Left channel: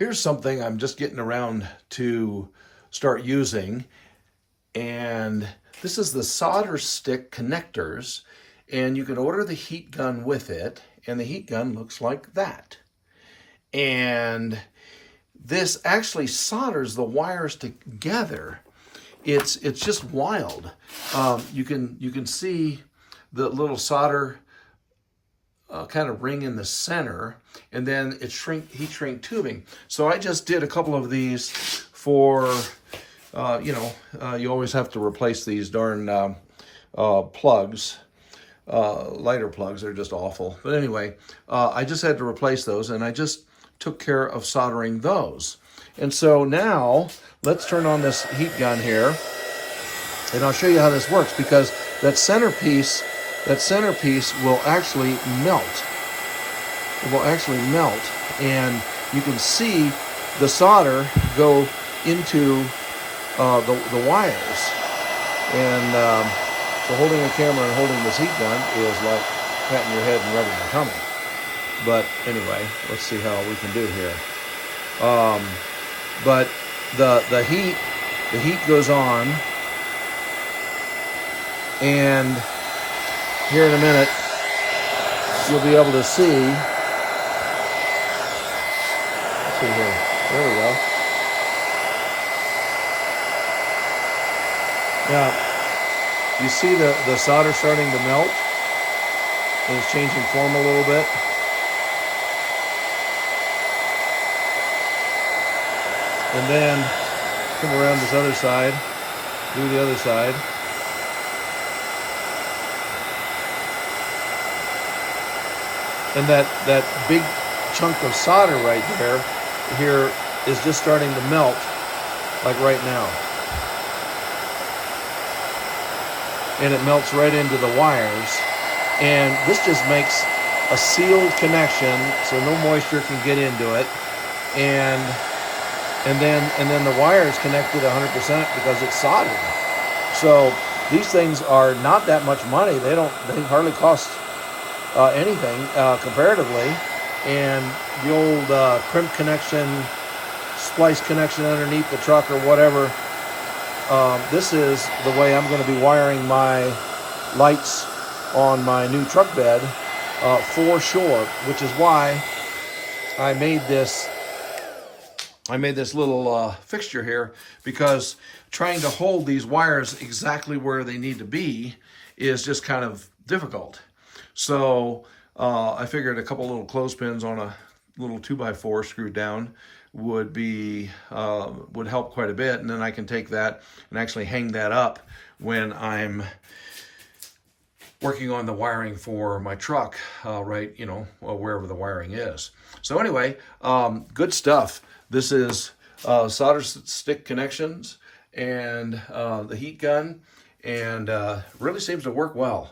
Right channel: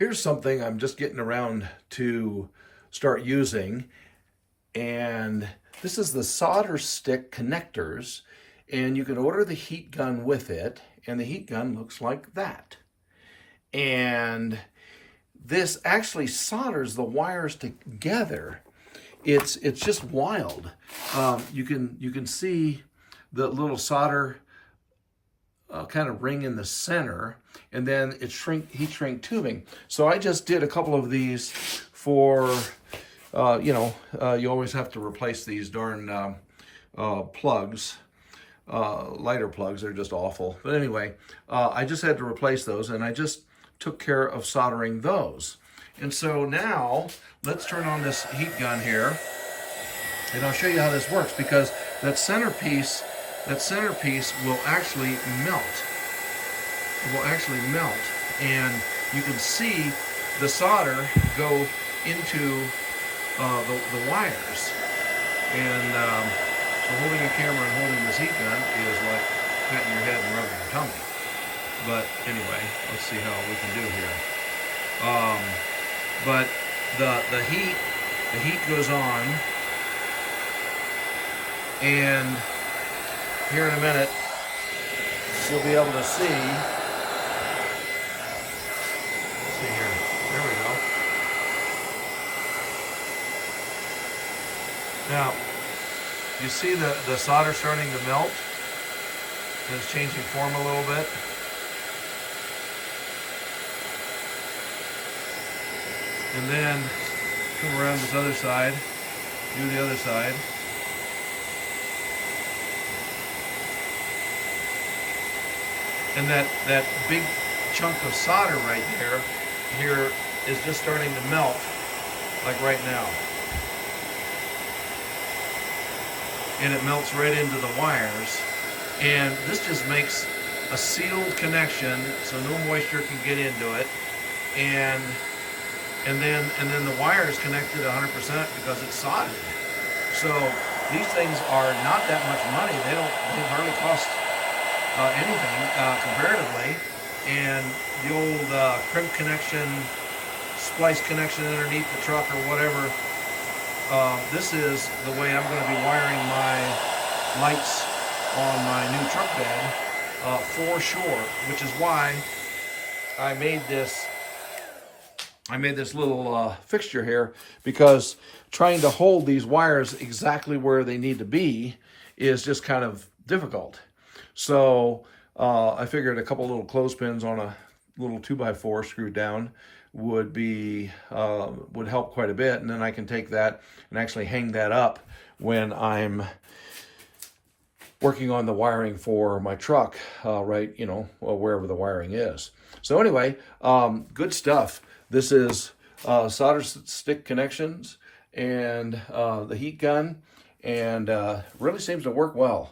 Here's something I'm just getting around to start using, and this is the Solderstick connectors, and you can order the heat gun with it, and the heat gun looks like that. And this actually solders the wires together. It's just wild. You can see the little solder kind of ring in the center, and then it's heat shrink tubing. So I just did a couple of these for, you always have to replace these darn plugs, lighter plugs. They're just awful. But anyway, I just had to replace those, and I just took care of soldering those. And so now let's turn on this heat gun here, and I'll show you how this works, because that centerpiece will actually melt. It will actually melt, and you can see the solder go into the wires. And so holding a camera and holding this heat gun is like patting your head and rubbing your tummy. But anyway, let's see how we can do here. But the heat goes on, and here in a minute, you'll be able to see. Let's see here. There we go. Now, you see the solder starting to melt, and it's changing form a little bit. And then come around this other side, do the other side. And that big chunk of solder right here is just starting to melt, like right now. And it melts right into the wires. And this just makes a sealed connection, so no moisture can get into it. And then the wire is connected 100% because it's soldered. So these things are not that much money. They hardly cost anything comparatively. And the old crimp connection, splice connection underneath the truck or whatever, this is the way I'm going to be wiring my lights on my new truck bed for sure, which is why I made this little fixture here, because trying to hold these wires exactly where they need to be is just kind of difficult. So I figured a couple little clothespins on a little 2x4 screwed down would help quite a bit, and then I can take that and actually hang that up when I'm working on the wiring for my truck, right, wherever the wiring is. So anyway, good stuff. This is solder stick connections and the heat gun, and really seems to work well.